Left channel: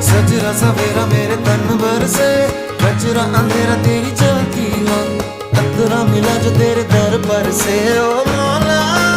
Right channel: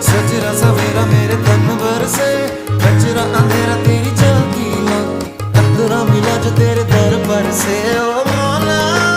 सजरा सवेरा मेरे तन भर से, कचरा अंधेरा तेरी जलती ला, कतरा मिला जो तेरे दर पर से। ओ मौला